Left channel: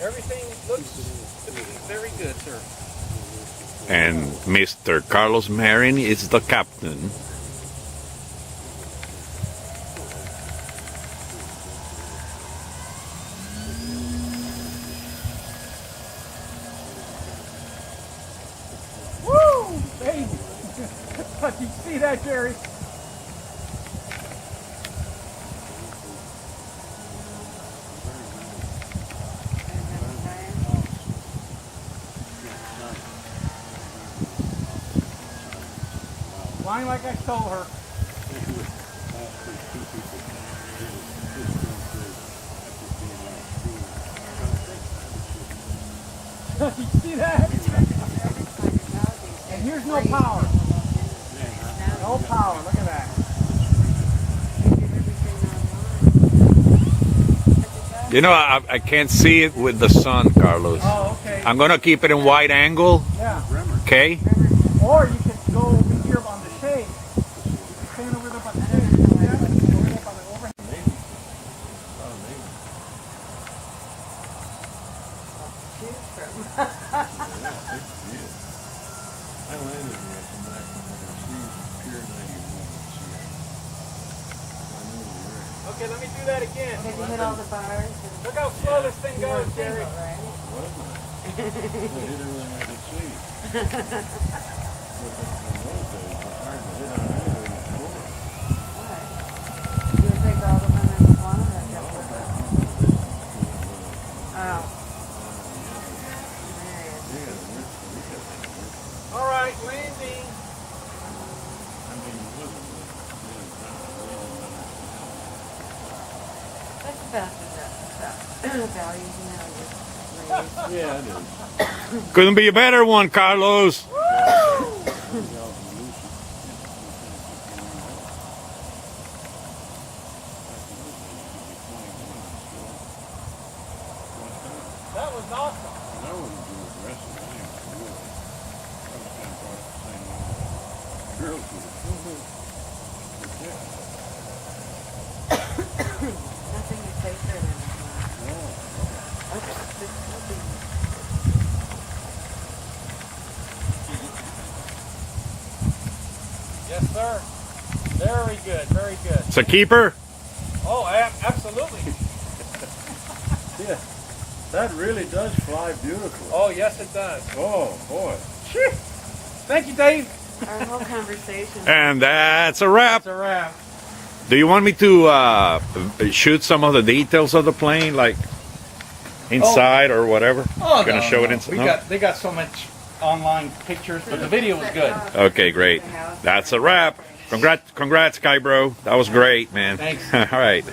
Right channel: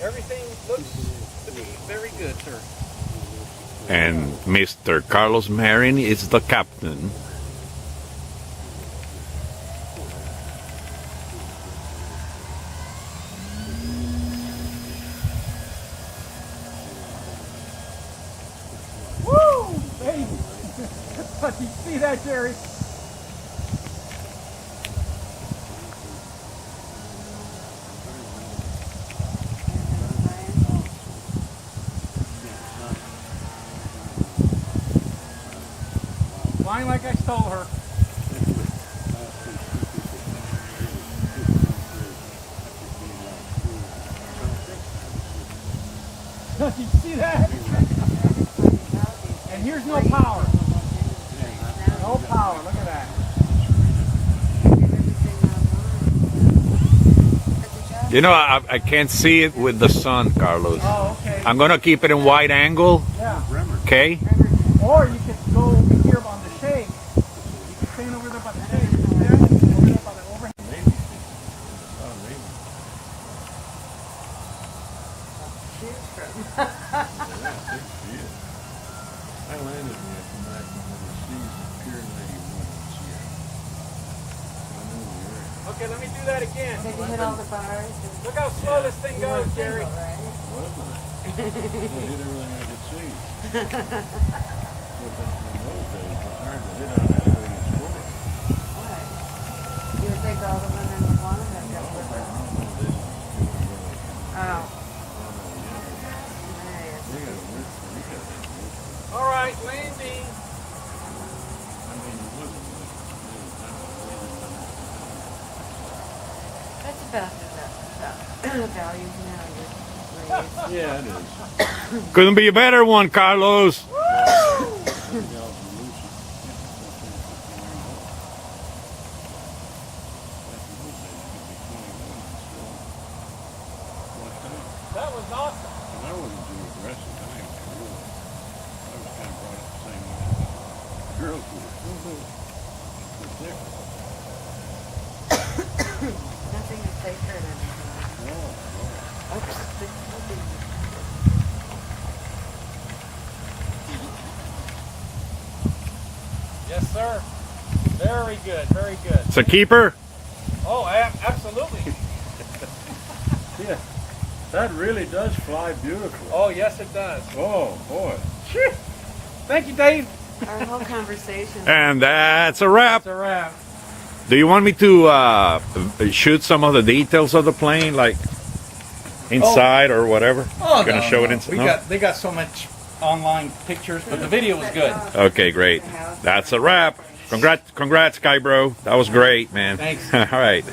Everything looks to be very good, sir. And Mr. Carlos Marin is the captain. Woo, baby! Did you see that, Jerry? Flying like I stole her. Did you see that? And here's no power. No power, look at that. You know, I can't see it with the sun, Carlos. Oh, okay. I'm gonna keep it in wide angle. Yeah. Okay. Or you could go over here on the shade. You could stand over there by the shade. Yeah. Over there by the overhead. I landed here at the maximum of the season, Pier 91 in Seattle. I know the area. Okay, let me do that again. Did you hit all the bars? Look how slow this thing goes, Jerry. Wasn't I? I hit everything I could see. But in those days, it's hard to hit on anything in sport. What? You would take all the women in the one and just with it? Oh. All right, landing. I mean, it wasn't That's about the values now. yeah, it is. Couldn't be a better one, Carlos. That was awesome. I wasn't too aggressive. I was kind of brought up the same way as the girls were. Nothing is safer than it. No. Yes, sir. Very good, very good. It's a keeper. Oh, absolutely. Yeah, that really does fly beautifully. Oh, yes, it does. Oh, boy. Thank you, Dave. Our whole conversation. And that's a wrap. That's a wrap. Do you want me to shoot some of the details of the plane, like inside or whatever? Oh, Gonna no, show no. it inside. We No? got, they got so much online pictures, but the video was good. Okay, great. That's a wrap. Congrats, Sky Bro. That was great, man. Thanks. All right.